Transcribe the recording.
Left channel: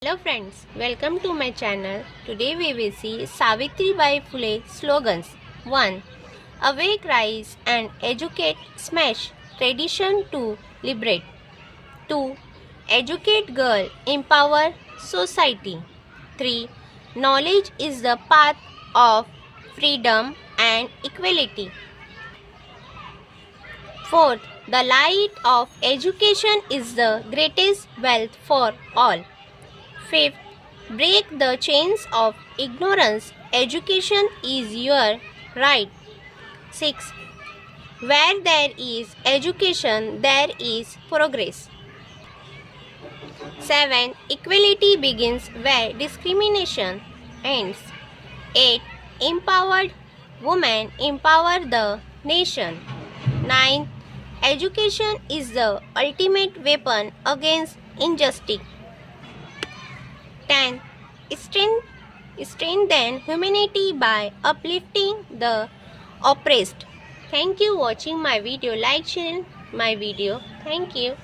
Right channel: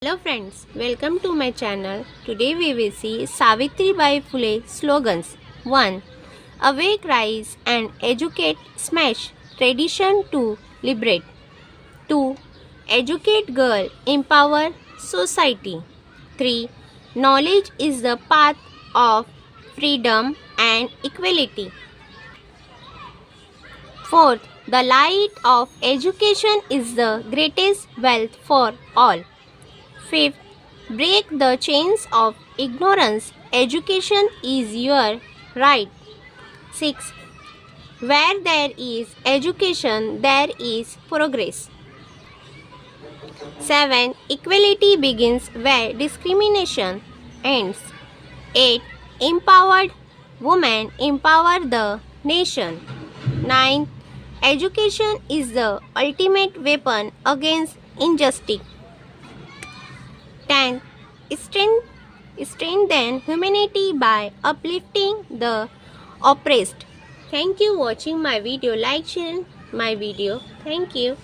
Hello friends, welcome to my channel. Today we will see Savitribai Phule slogans. 1. Awake, rise and educate, smash tradition to liberate. 2. Educate girl, empower society. 3. Knowledge is the path of freedom and equality. 4. The light of education is the greatest wealth for all. 5th, break the chains of ignorance. Education is your right. 6. Where there is education, there is progress. 7. Equality begins where discrimination ends. 8. Empowered women empower the nation. 9. Education is the ultimate weapon against injustice. 10. Strengthen humanity by uplifting the oppressed. Thank you for watching my video. Like, share my video. Thank you.